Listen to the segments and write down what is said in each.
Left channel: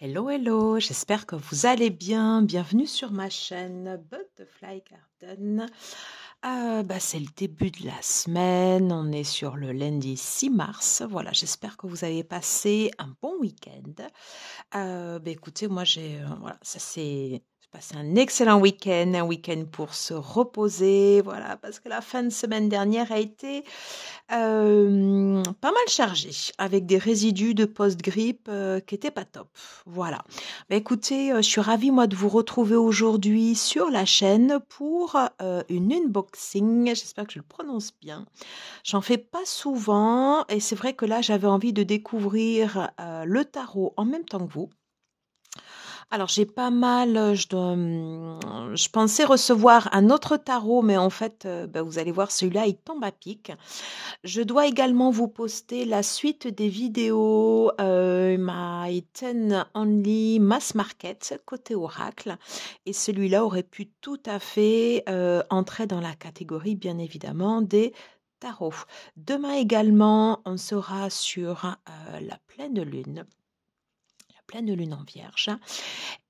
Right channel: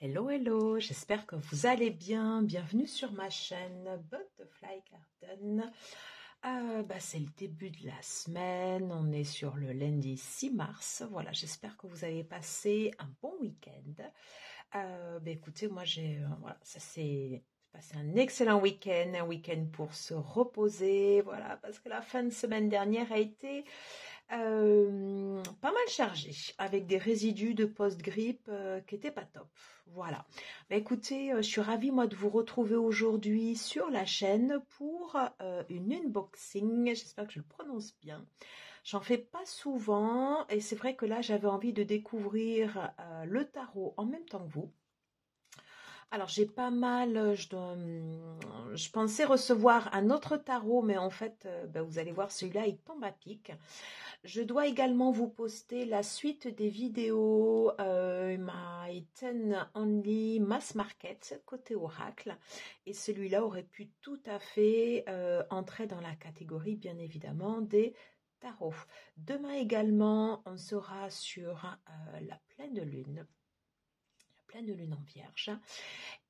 Hello, hello, j'espère que vous allez bien. Bienvenue sur ma chaîne Butterfly Garden. C'est le début de la semaine, on est sur le lundi 6 mars. Voilà, j'espère que vous avez passé un bon week-end. Écoutez, moi voilà, j'ai passé un excellent week-end, un week-end pour se reposer, voilà, parce que la fin de semaine dernière a été pas mal chargée, avec des résidus de post-grippe qui étaient pas top. Voilà. Écoutez, je suis ravie moi de vous retrouver aujourd'hui sur la chaîne pour une unboxing. J'espère que je le prononce bien. J'en fais pas souvent et c'est vrai que là j'avais envie de découvrir le tarot en même temps que vous. Alors j'ai pas mal, je pensais recevoir un autre tarot, mais en fait, vous allez voir, celui-là, il tombe à pic. Je dois également vous poster la suite des vidéos My 10 Only Mass Market côté Oracle. Et celui-là aurait pu tout à fait entrer dans la catégorie, bien évidemment, des tarots. Demain également, on sera sur la pleine lune. Pleine lune en vierge.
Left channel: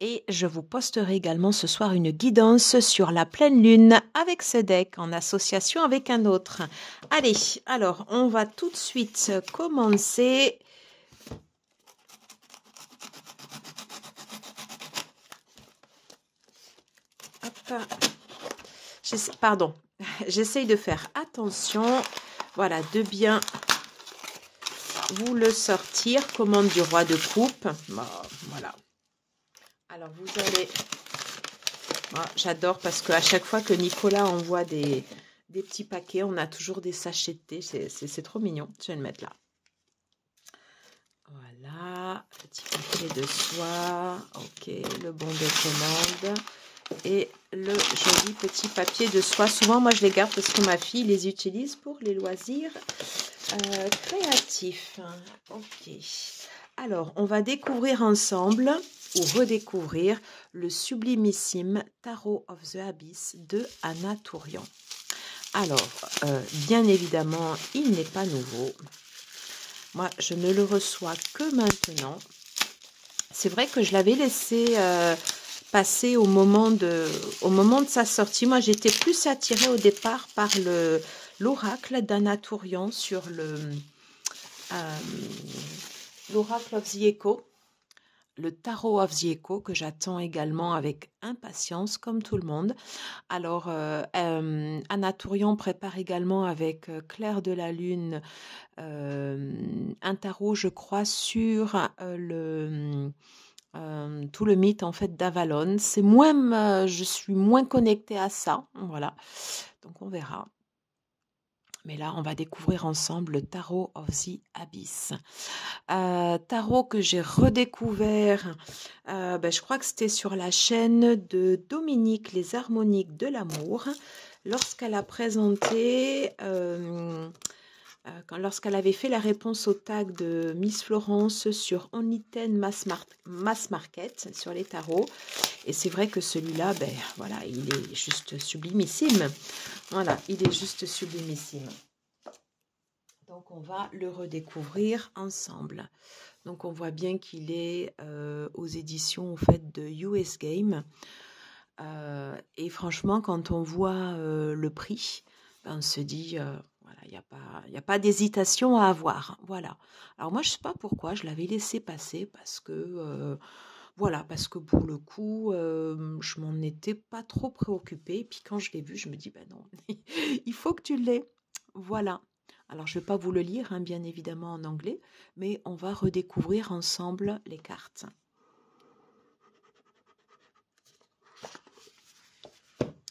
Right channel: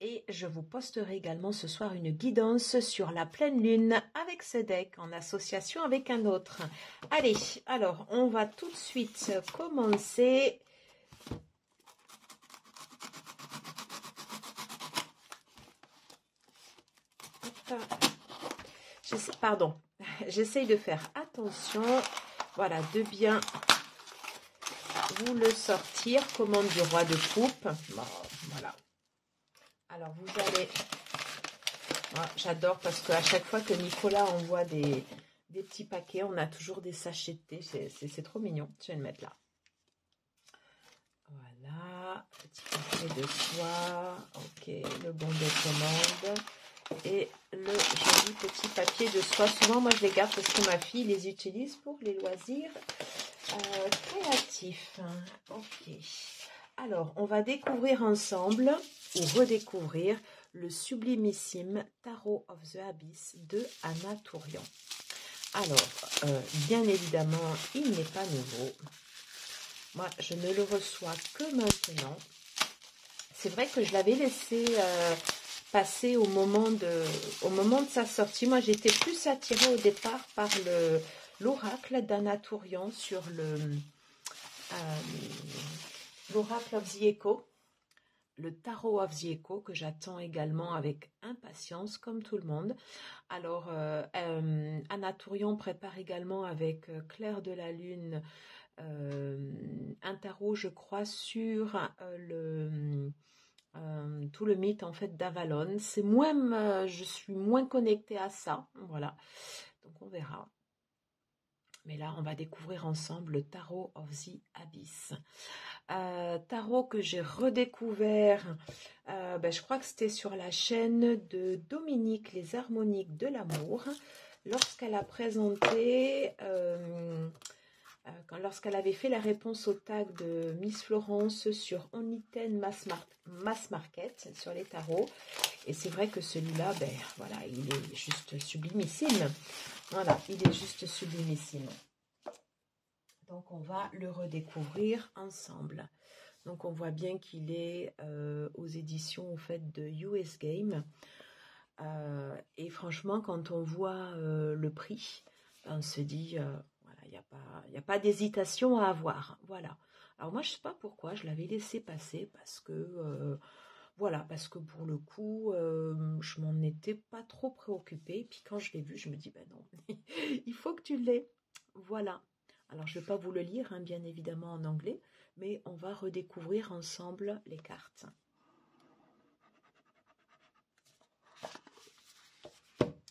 Et je vous posterai également ce soir une guidance sur la pleine lune avec ce deck en association avec un autre. Allez, alors on va tout de suite commencer. Hop. Pardon, j'essaye de faire attention. Voilà, de bien vous le sortir. Commande du roi de coupe. Voilà. Alors vous allez... J'adore parce qu'à chaque fois que Nicolas envoie des petits paquets, on a toujours des sachets de thé. C'est trop mignon. Je vais le mettre là. Voilà, petit paquet de soie. Ok, le bon de commande. Et le joli petit papier de soie. Souvent, moi, je les garde parce que ma fille les utilise pour les loisirs créatifs. Ok. Alors, on va découvrir ensemble ou redécouvrir le sublimissime Tarot of the Abyss de Anna Tourian. Alors, bien évidemment, il n'est pas nouveau. Moi, je ne le reçois que maintenant. C'est vrai que je l'avais laissé passer au moment de sa sortie. Moi, j'étais plus attirée au départ par l'oracle d'Anna Tourian sur l'oracle of the Echo. Le Tarot of the Echo que j'attends également avec impatience comme tout le monde. Alors Anna Tourian prépare également avec Claire de la Lune un tarot, je crois, sur tout le mythe en fait d'Avalon. C'est moins, je suis moins connectée à ça, voilà. Donc on verra. Mais là, on va découvrir ensemble le Tarot of the Abyss. Tarot que j'ai redécouvert, je crois que c'était sur la chaîne de Dominique, Les Harmoniques de l'amour, lorsqu'elle a présenté, lorsqu'elle avait fait la réponse au tag de Miss Florence sur Only 10 Mass Market, sur les tarots. Et c'est vrai que celui-là, voilà, il est juste sublimissime. Voilà, il est juste sublimissime. Donc, on va le redécouvrir ensemble. Donc, on voit bien qu'il est aux éditions en fait, de US Game. Et franchement, quand on voit le prix, on se dit, voilà, il n'y a pas d'hésitation à avoir. Voilà. Alors moi, je ne sais pas pourquoi, je l'avais laissé passer parce que... voilà, parce que pour le coup, je m'en étais pas trop préoccupée. Et puis quand je l'ai vu, je me dis, ben non, il faut que tu l'aies. Voilà. Alors, je ne vais pas vous le lire, hein, bien évidemment en anglais, mais on va redécouvrir ensemble les cartes.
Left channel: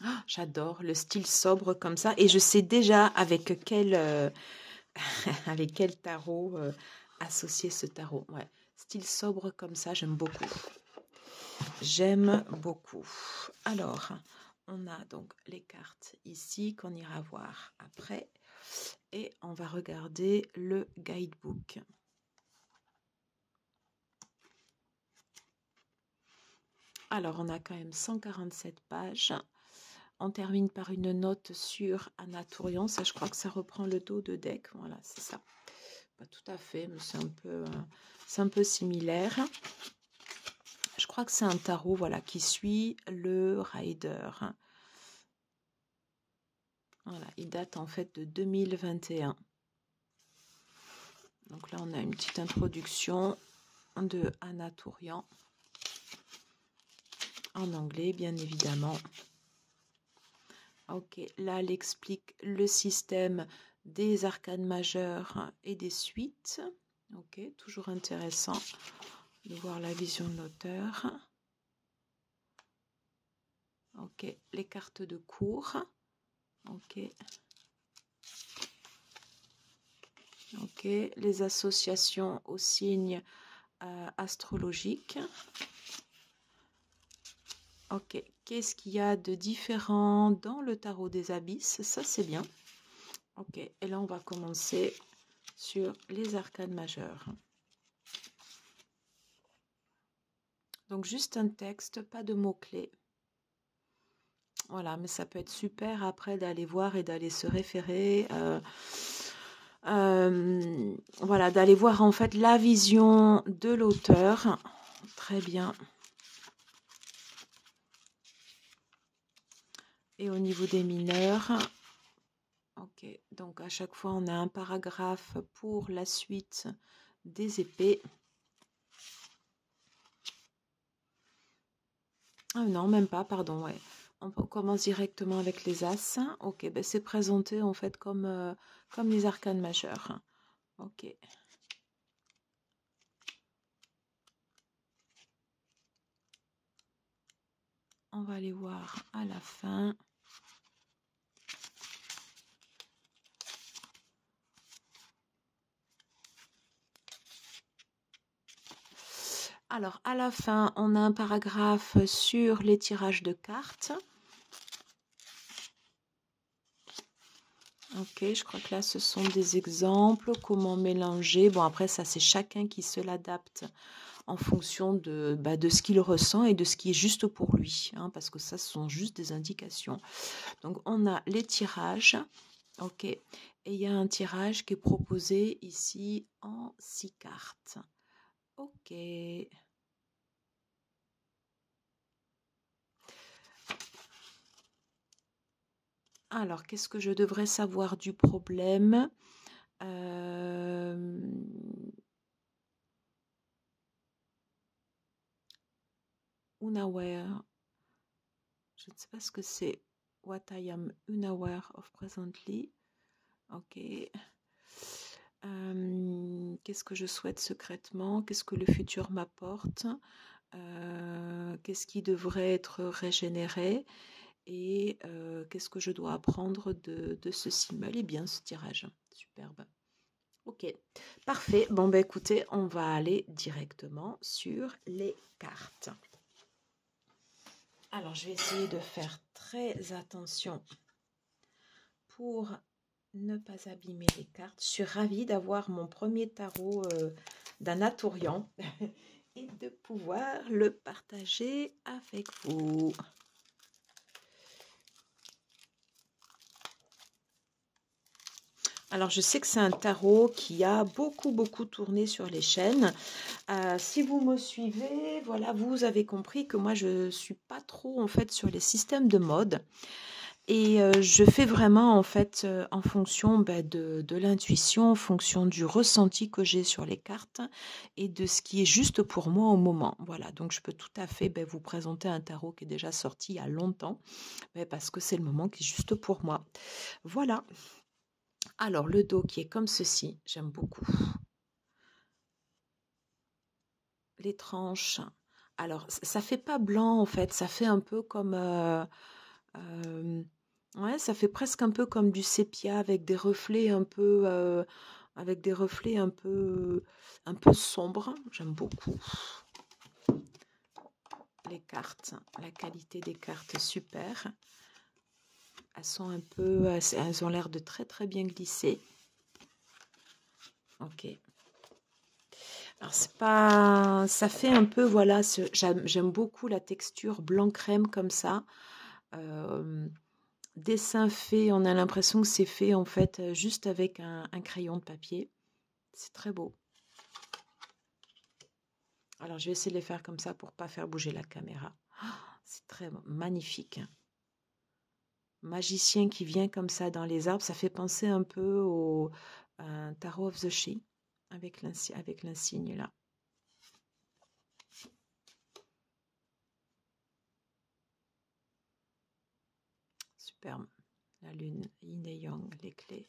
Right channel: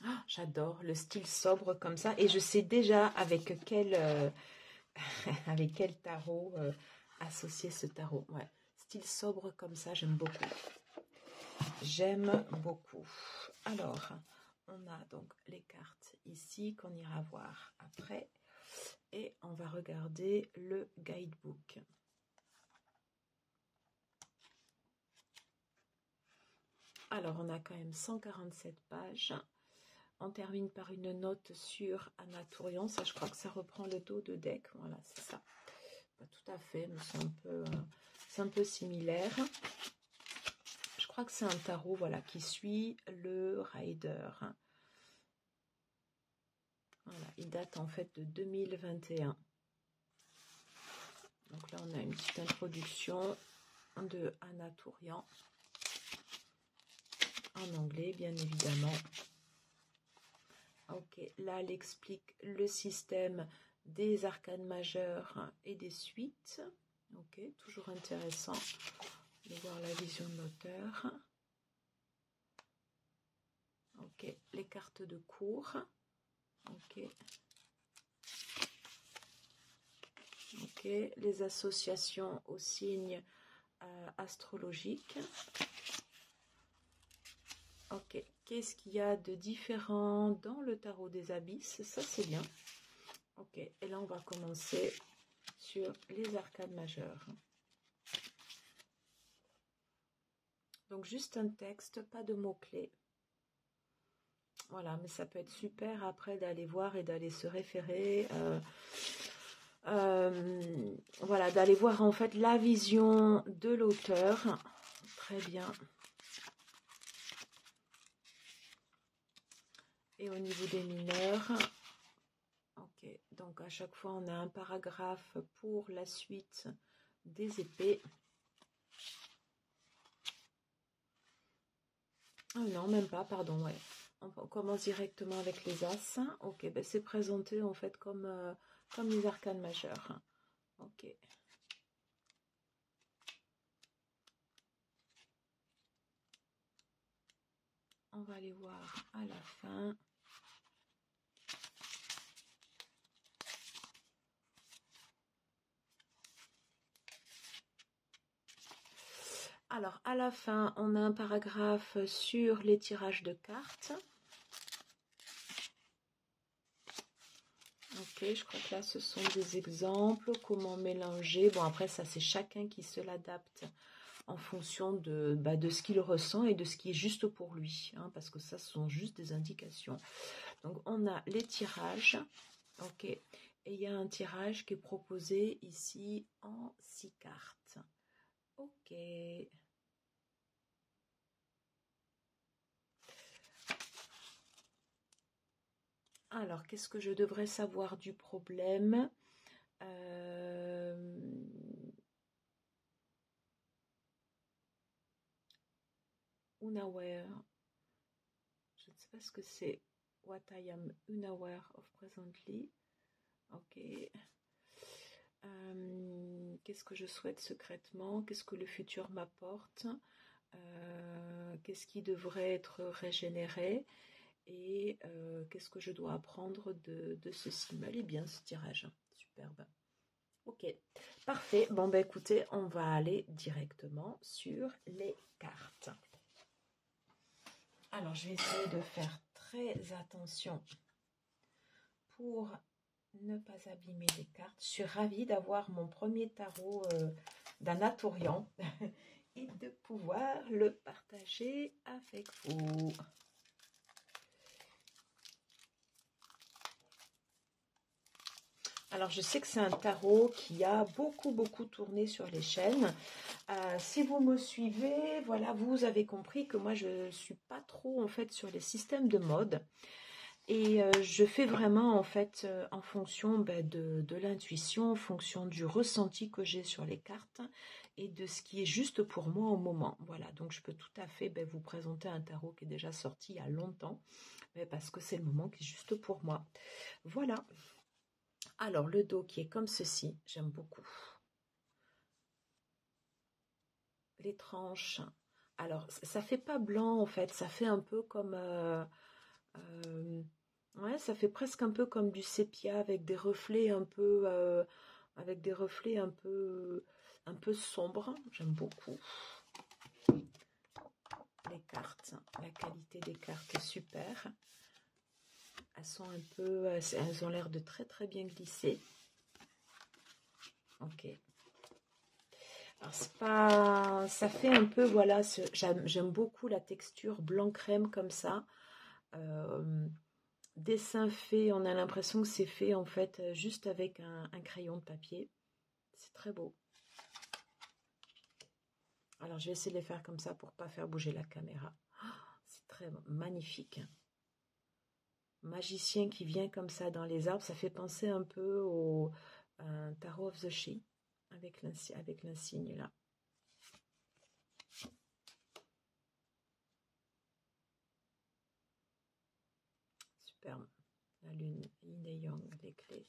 Oh, j'adore le style sobre comme ça. Et je sais déjà avec quel, avec quel tarot associer ce tarot. Ouais. Style sobre comme ça, j'aime beaucoup. J'aime beaucoup. Alors, on a donc les cartes ici qu'on ira voir après. Et on va regarder le guidebook. Alors, on a quand même 147 pages. On termine par une note sur Anna Tourian. Ça, je crois que ça reprend le dos de deck. Voilà, c'est ça. Pas tout à fait, mais c'est un peu similaire. crois que c'est un tarot, voilà, qui suit le Rider. Voilà, il date en fait de 2021. Donc là, on a une petite introduction de Anna Tourian. En anglais, bien évidemment. Ok, là, elle explique le système des arcanes majeures et des suites. Ok, toujours intéressant de voir la vision de l'auteur. Ok, les cartes de cours. Ok. Ok, les associations aux signes astrologiques. Ok, qu'est-ce qu'il y a de différent dans le tarot des abysses? Ça, c'est bien. Ok, et là, on va commencer sur les arcanes majeures. Donc, juste un texte, pas de mots-clés. Voilà, mais ça peut être super après d'aller voir et d'aller se référer. Voilà, d'aller voir en fait la vision de l'auteur. Très bien. Et au niveau des mineurs, ok, donc à chaque fois on a un paragraphe pour la suite des épées. Ah non, même pas, pardon, ouais. On commence directement avec les As. Ok, ben c'est présenté en fait comme, comme les arcanes majeures. Ok. On va les voir à la fin. Alors, à la fin, on a un paragraphe sur les tirages de cartes. Ok, je crois que là, ce sont des exemples, comment mélanger. Bon, après, ça, c'est chacun qui se l'adapte en fonction de ce qu'il ressent et de ce qui est juste pour lui, hein, parce que ça, ce sont juste des indications. Donc, on a les tirages, ok, et il y a un tirage qui est proposé ici en 6 cartes. Ok. Alors, qu'est-ce que je devrais savoir du problème? Unaware. Je ne sais pas ce que c'est. What I am unaware of presently. Ok. Qu'est-ce que je souhaite secrètement? Qu'est-ce que le futur m'apporte? Qu'est-ce qui devrait être régénéré? Et qu'est-ce que je dois apprendre de ceci? Elle est bien ce tirage. Superbe. Ok, parfait. Bon, ben écoutez, on va aller directement sur les cartes. Alors, je vais essayer de faire très attention pour ne pas abîmer les cartes. Je suis ravie d'avoir mon premier tarot d'Anna Tourian et de pouvoir le partager avec vous. Alors, je sais que c'est un tarot qui a beaucoup tourné sur les chaînes. Si vous me suivez, voilà, vous avez compris que moi, je ne suis pas trop, en fait, sur les systèmes de mode. Et je fais vraiment, en fait, en fonction de l'intuition, en fonction du ressenti que j'ai sur les cartes et de ce qui est juste pour moi au moment. Voilà, donc je peux tout à fait vous présenter un tarot qui est déjà sorti il y a longtemps, parce que c'est le moment qui est juste pour moi. Voilà. Alors, le dos qui est comme ceci, j'aime beaucoup. Les tranches. Alors, ça fait pas blanc, en fait. Ça fait un peu comme... ouais, ça fait presque un peu comme du sépia avec des reflets un peu... un peu sombres. J'aime beaucoup. Les cartes, la qualité des cartes, super. Elles sont un peu... Elles ont l'air de très bien glisser. Ok. Alors, c'est pas... Ça fait un peu, voilà, j'aime beaucoup la texture blanc-crème comme ça. Dessin fait, on a l'impression que c'est fait, en fait, juste avec un crayon de papier. C'est très beau. Alors, je vais essayer de les faire comme ça pour pas faire bouger la caméra. C'est très magnifique. Magicien qui vient comme ça dans les arbres, ça fait penser un peu au Tarot of the She avec l'insigne là. Superbe. La lune, yin et yang, les clés.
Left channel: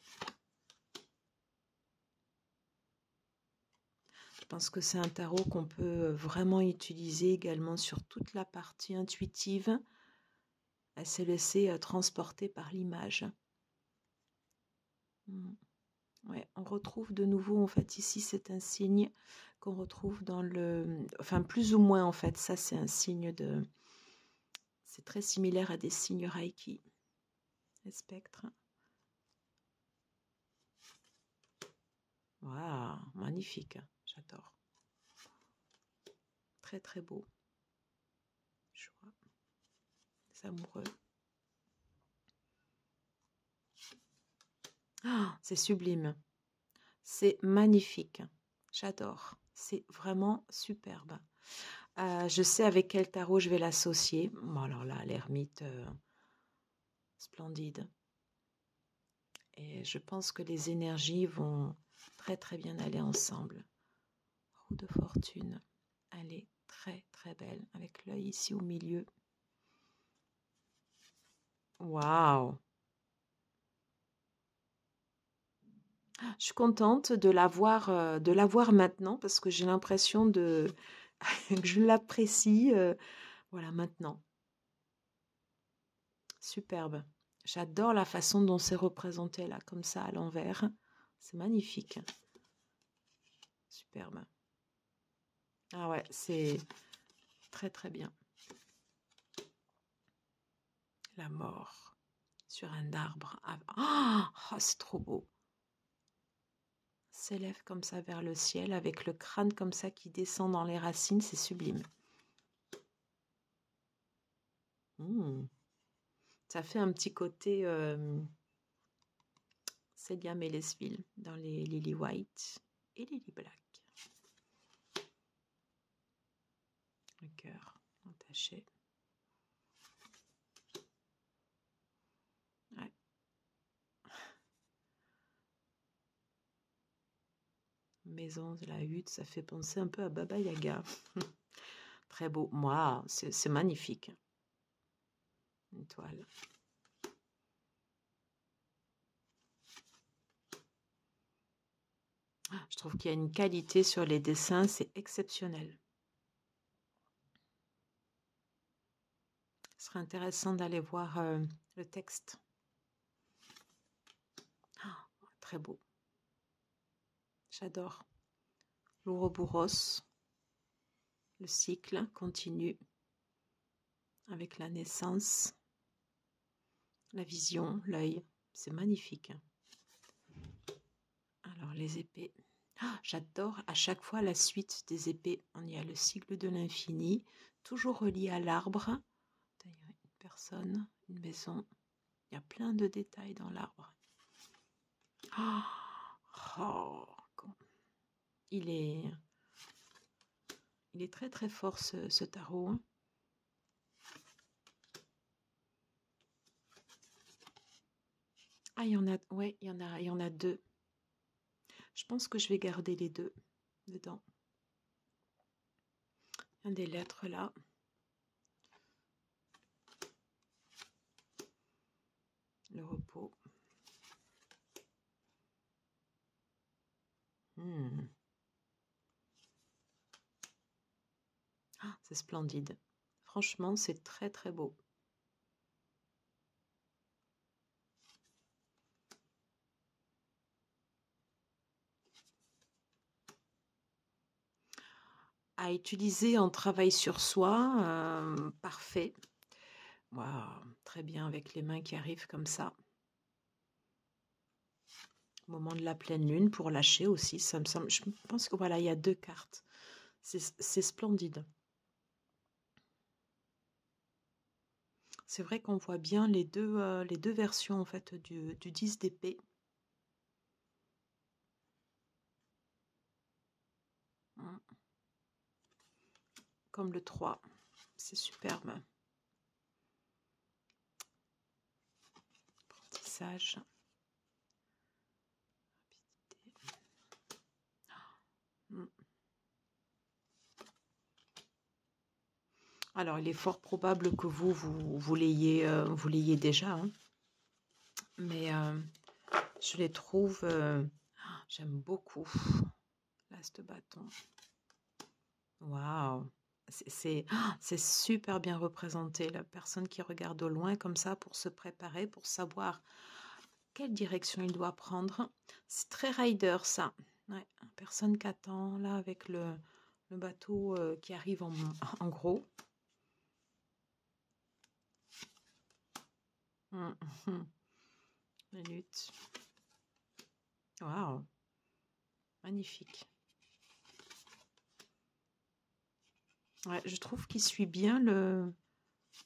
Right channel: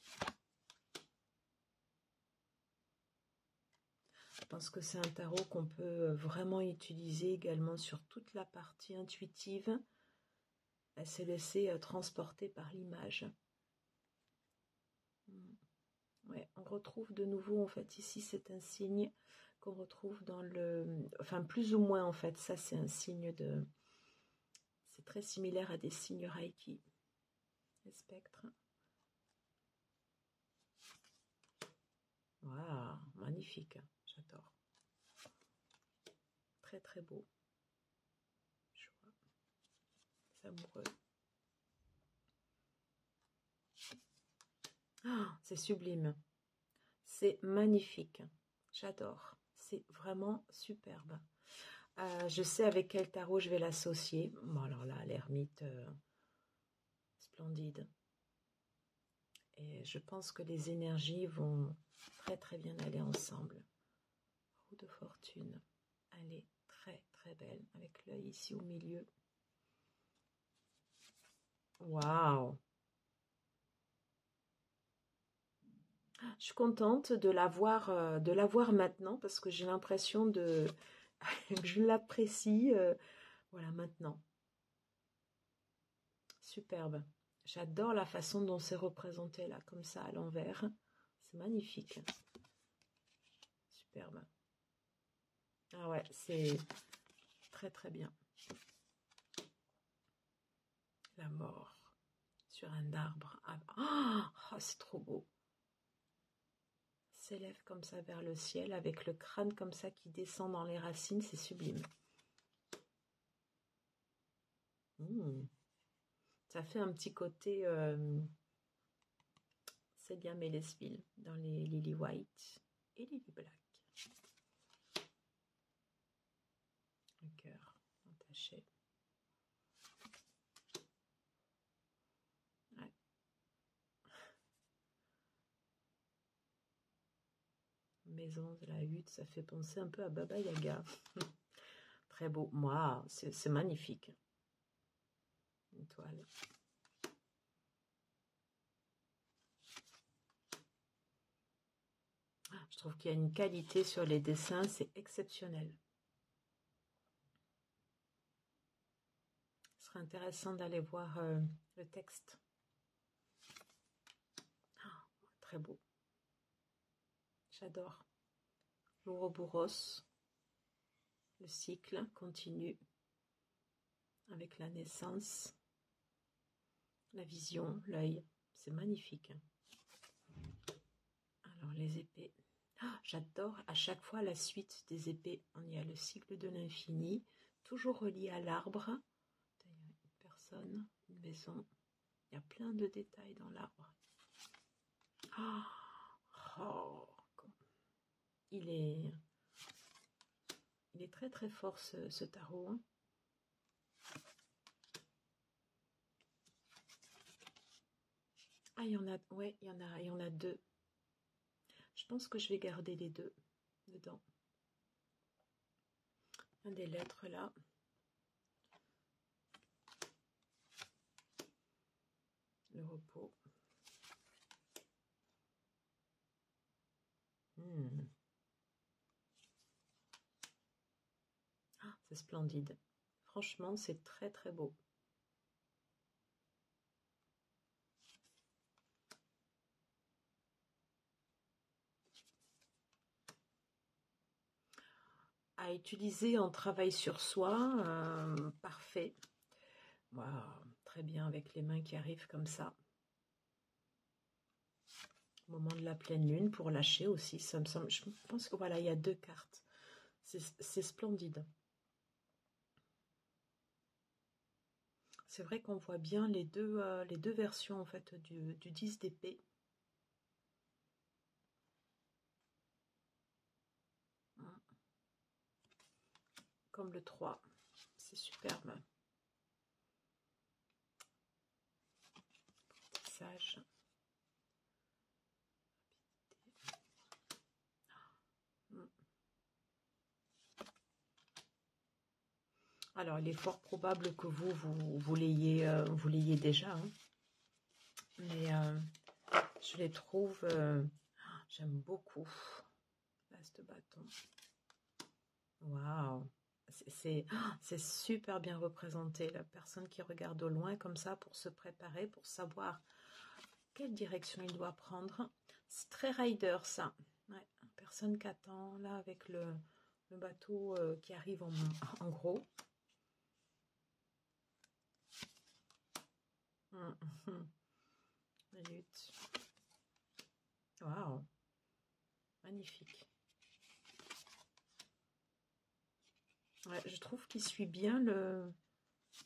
Je pense que c'est un tarot qu'on peut vraiment utiliser également sur toute la partie intuitive. Elle s'est laissée transporter par l'image. Ouais, on retrouve de nouveau, en fait, ici, c'est un signe qu'on retrouve dans le... Enfin, plus ou moins, en fait, ça, c'est un signe de... C'est très similaire à des signes Reiki. Les spectres. Waouh, magnifique, j'adore. Très, très beau. Joie. Les amoureux. Oh, c'est sublime. C'est magnifique. J'adore. C'est vraiment superbe. Je sais avec quel tarot je vais l'associer. Bon, alors là, l'ermite, splendide. Et je pense que les énergies vont très très bien aller ensemble. Roue de fortune. Elle est très très belle. Avec l'œil ici au milieu. Waouh! Je suis contente de la voir maintenant parce que j'ai l'impression que je l'apprécie voilà, maintenant. Superbe. J'adore la façon dont c'est représenté là, comme ça, à l'envers. C'est magnifique. Superbe. Ah ouais, c'est très très bien. La mort sur un arbre. Oh, c'est trop beau. S'élève comme ça vers le ciel avec le crâne comme ça qui descend dans les racines, c'est sublime. Ça fait un petit côté Célia Mélesville dans les Lily White et Lily Black. Le cœur entaché. Ouais. Maison de la hutte, ça fait penser un peu à Baba Yaga. Très beau. Moi, c'est magnifique. Une toile. Je trouve qu'il y a une qualité sur les dessins, c'est exceptionnel. Ce serait intéressant d'aller voir le texte. Oh, très beau. J'adore. L'Ouroboros. Le cycle continue avec la naissance, la vision, l'œil. C'est magnifique. Alors, les épées. J'adore à chaque fois la suite des épées. On y a le cycle de l'infini, toujours relié à l'arbre. D'ailleurs, une personne, une maison. Il y a plein de détails dans l'arbre. Il est très très fort ce tarot. Ah, il y en a, ouais, il y en a deux. Je pense que je vais garder les deux dedans. Il y a des lettres là. Le repos. C'est splendide. Franchement, c'est très très beau. À utiliser en travail sur soi, parfait. Wow, très bien avec les mains qui arrivent comme ça. Au moment de la pleine lune pour lâcher aussi, ça me semble. Je pense que voilà, il y a deux cartes. C'est splendide. C'est vrai qu'on voit bien les deux versions en fait du 10 d'épée. comme le 3. C'est superbe. Apprentissage. Alors, il est fort probable que vous l'ayez déjà, hein. Mais je les trouve, j'aime beaucoup. L'as de bâton. Waouh! C'est super bien représenté, la personne qui regarde au loin comme ça pour se préparer, pour savoir quelle direction il doit prendre. C'est très rider, ça. Ouais, personne qui attend, là, avec le bateau qui arrive en gros. La lutte. Waouh! Magnifique. Ouais, je trouve qu'il suit bien le...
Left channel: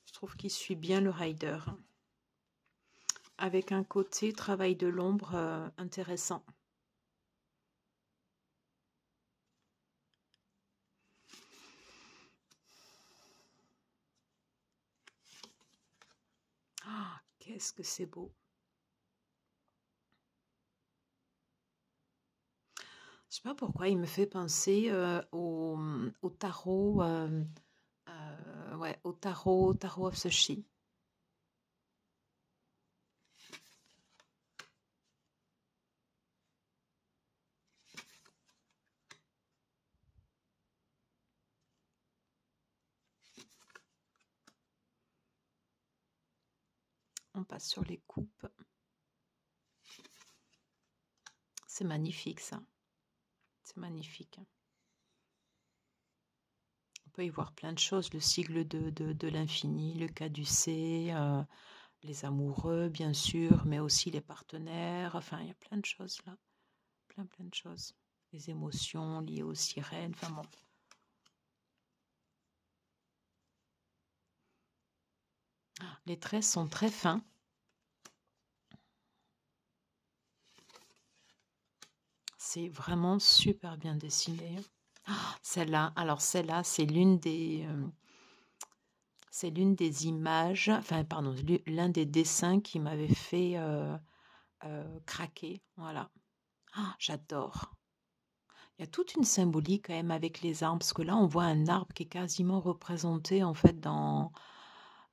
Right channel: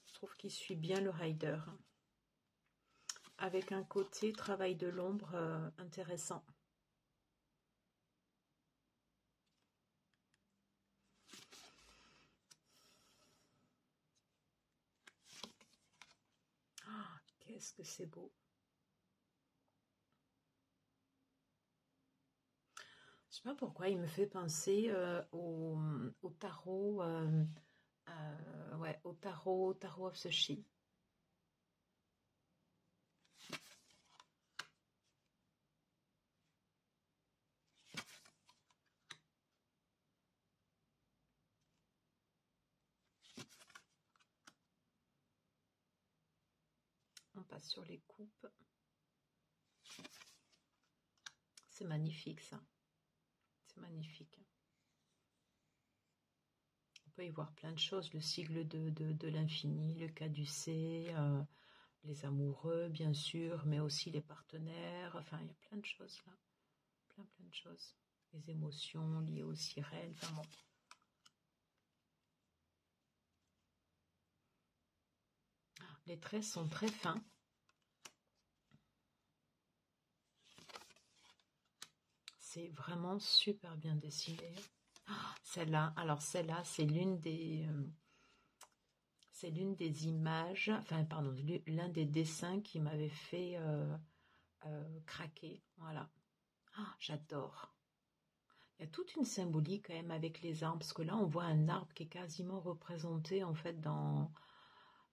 Je trouve qu'il suit bien le rider. Avec un côté travail de l'ombre intéressant. Ah, qu'est-ce que c'est beau! Je sais pas pourquoi il me fait penser au tarot, ouais, au tarot of the She. On passe sur les coupes. C'est magnifique, ça. C'est magnifique. On peut y voir plein de choses. Le sigle de l'infini, le caducée, les amoureux, bien sûr, mais aussi les partenaires. Enfin, il y a plein de choses là. Plein de choses. Les émotions liées aux sirènes. Enfin bon. Les traits sont très fins. C'est vraiment super bien dessiné. Celle-là, alors celle-là, c'est l'une des images, enfin pardon, l'un des dessins qui m'avait fait craquer. Voilà. Ah, j'adore. Il y a toute une symbolique quand même avec les arbres, parce que là on voit un arbre qui est quasiment représenté en fait dans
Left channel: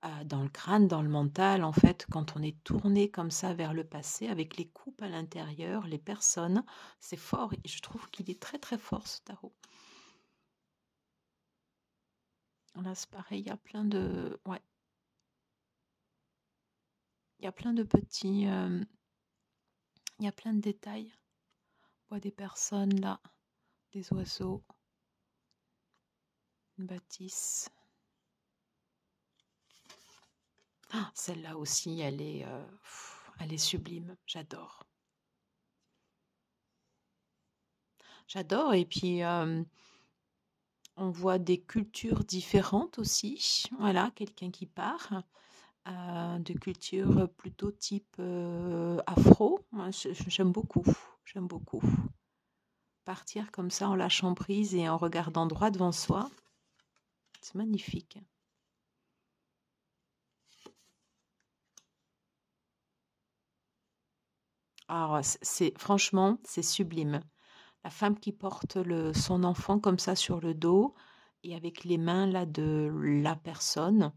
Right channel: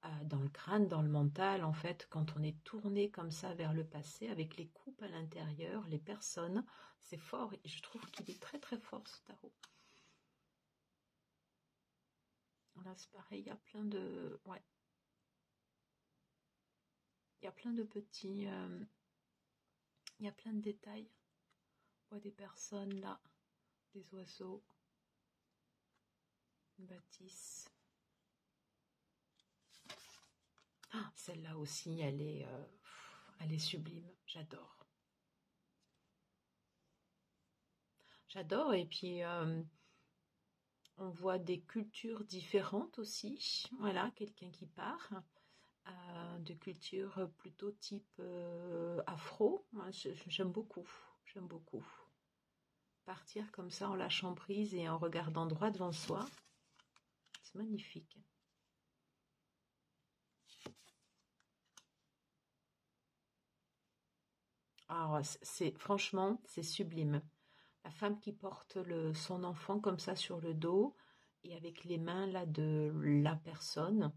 le crâne, dans le mental, en fait, quand on est tourné comme ça vers le passé, avec les coupes à l'intérieur, les personnes, c'est fort. Et je trouve qu'il est très très fort ce tarot. Là, c'est pareil, il y a plein de... Ouais. Il y a plein de petits... il y a plein de détails. On voit des personnes là, des oiseaux, une bâtisse. Ah, celle-là aussi, elle est sublime. J'adore. J'adore. Et puis, on voit des cultures différentes aussi. Voilà, quelqu'un qui part de culture plutôt type afro. Moi, j'aime beaucoup. J'aime beaucoup. Partir comme ça en lâchant prise et en regardant droit devant soi. C'est magnifique. Alors, franchement, c'est sublime. La femme qui porte son enfant comme ça sur le dos et avec les mains là de la personne,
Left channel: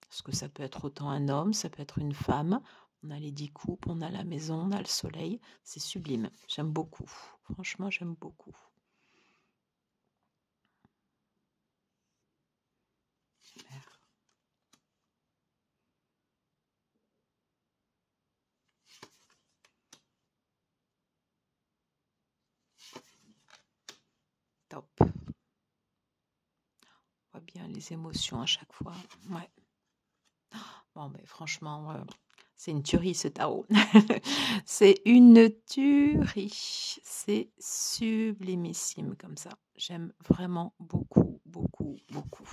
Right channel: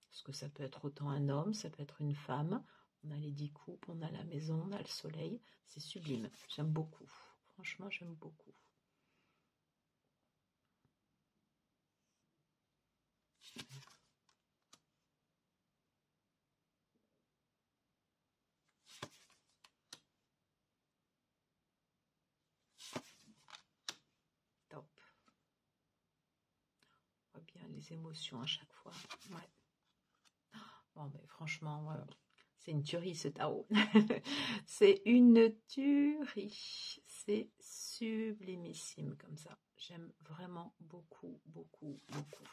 parce que ça peut être autant un homme, ça peut être une femme. On a les 10 coupes, on a la maison, on a le soleil. C'est sublime. J'aime beaucoup. Franchement, j'aime beaucoup. Super. Top. On voit bien les émotions à chaque fois. Ouais. Bon, mais franchement, c'est une tuerie ce tarot. C'est une tuerie. C'est sublimissime comme ça. J'aime vraiment beaucoup, beaucoup, beaucoup.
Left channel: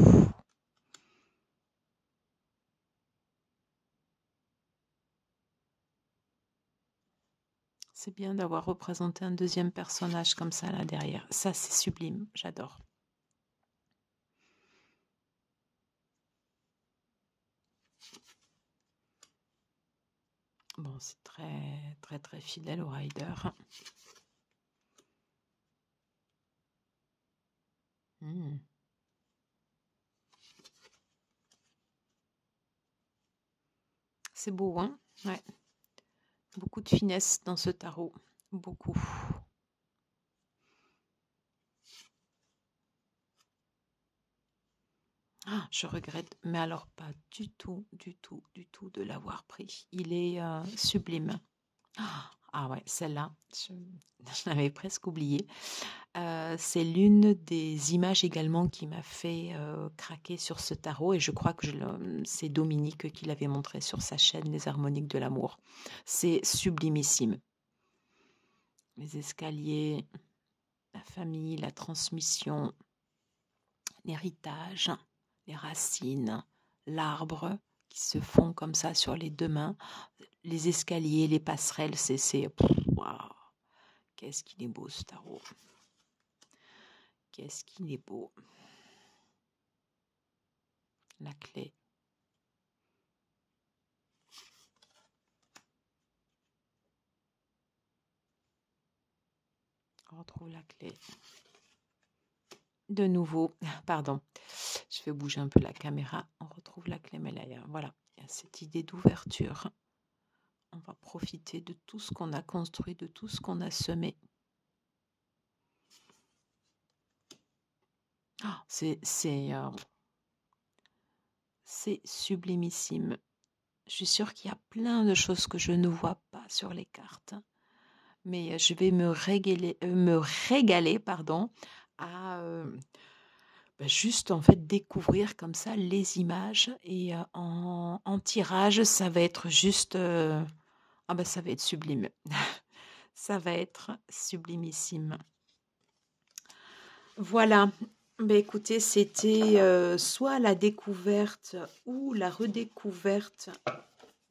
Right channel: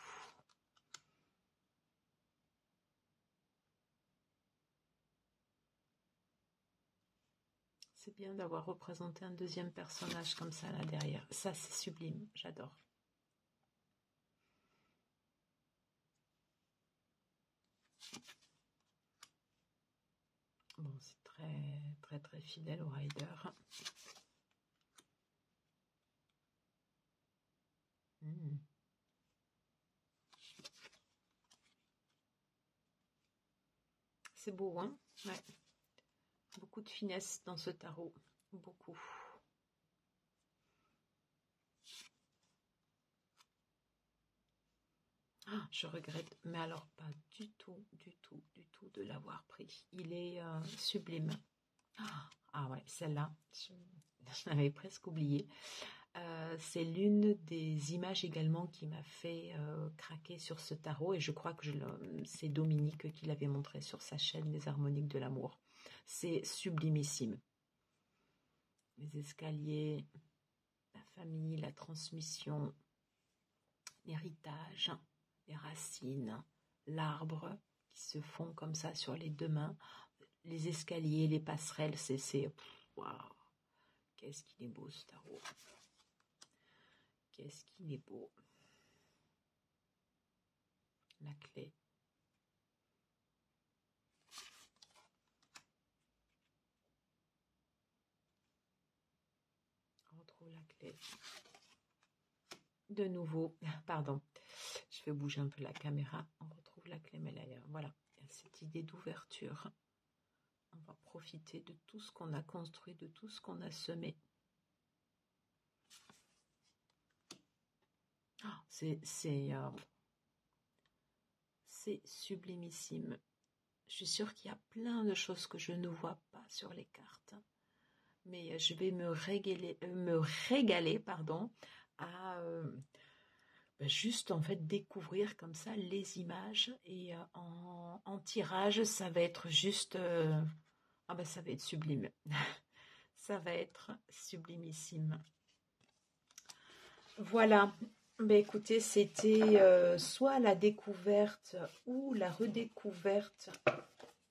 C'est bien d'avoir représenté un deuxième personnage comme ça là derrière. Ça, c'est sublime. J'adore. Bon, c'est très, très, très fidèle au rider. C'est beau, hein? Ouais. Beaucoup de finesse dans ce tarot. Beaucoup. Ah, je regrette, mais alors pas du tout, du tout, du tout de l'avoir pris. Il est sublime. Ah ouais, celle-là, je l'avais presque oublié. C'est l'une des images également qui m'a fait craquer sur ce tarot et je crois que c'est Dominique qui l'avait montré sur sa chaîne Les Harmoniques de l'amour. C'est sublimissime. Les escaliers, la famille, la transmission, l'héritage, les racines, l'arbre qui se fond comme ça sur les deux mains, les escaliers, les passerelles, waouh, qu'est-ce qu'il est beau ce tarot. Qu'est-ce qu'il est beau. La clé. On retrouve la clé. De nouveau, pardon, je fais bouger un peu la caméra. On retrouve la clé, mais là, voilà, il y a cette idée d'ouverture. On va profiter de tout ce qu'on a construit, de tout ce qu'on a semé. Oh, c'est sublimissime. Je suis sûre qu'il y a plein de choses que je ne vois pas sur les cartes. Mais je vais me régaler pardon, à juste en fait découvrir comme ça les images. Et en tirage, ça va être juste... ça va être sublime. Ça va être sublimissime. Voilà. Écoutez, c'était soit la découverte ou la redécouverte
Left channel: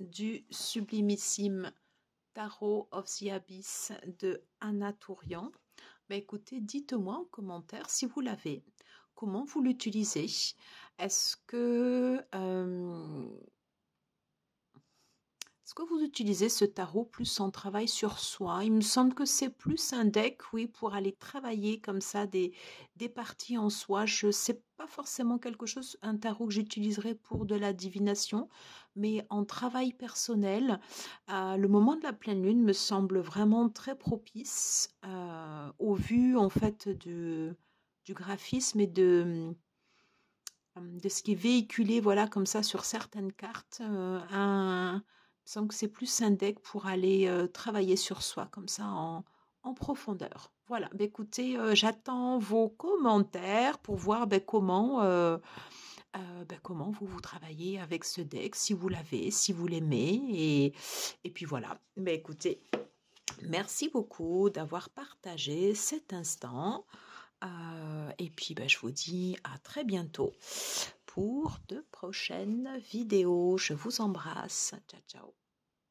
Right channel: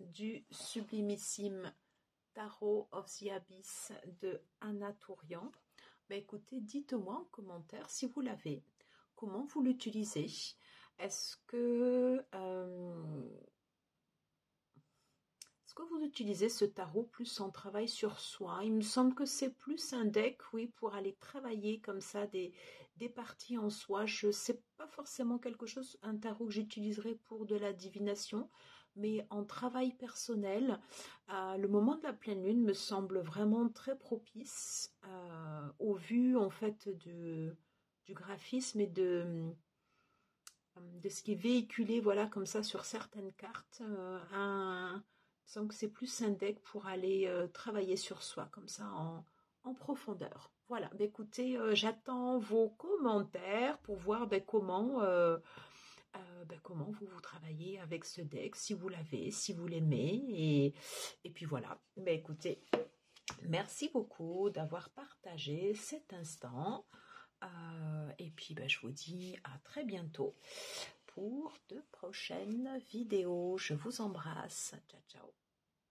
du sublimissime Tarot of the Abyss de Anna Tourian. Écoutez, dites-moi en commentaire si vous l'avez, comment vous l'utilisez. Est-ce que vous utilisez ce tarot plus en travail sur soi? Il me semble que c'est plus un deck, oui, pour aller travailler comme ça des parties en soi. Je ne sais pas forcément un tarot que j'utiliserai pour de la divination, mais en travail personnel, le moment de la pleine lune me semble vraiment très propice au vu en fait du graphisme et de ce qui est véhiculé, voilà, comme ça sur certaines cartes. Il me semble que c'est plus un deck pour aller travailler sur soi, comme ça, en profondeur. Voilà, écoutez, j'attends vos commentaires pour voir comment vous travaillez avec ce deck, si vous l'avez, si vous l'aimez. Et puis voilà, écoutez, merci beaucoup d'avoir partagé cet instant. Et puis, je vous dis à très bientôt pour de prochaines vidéos. Je vous embrasse. Ciao, ciao.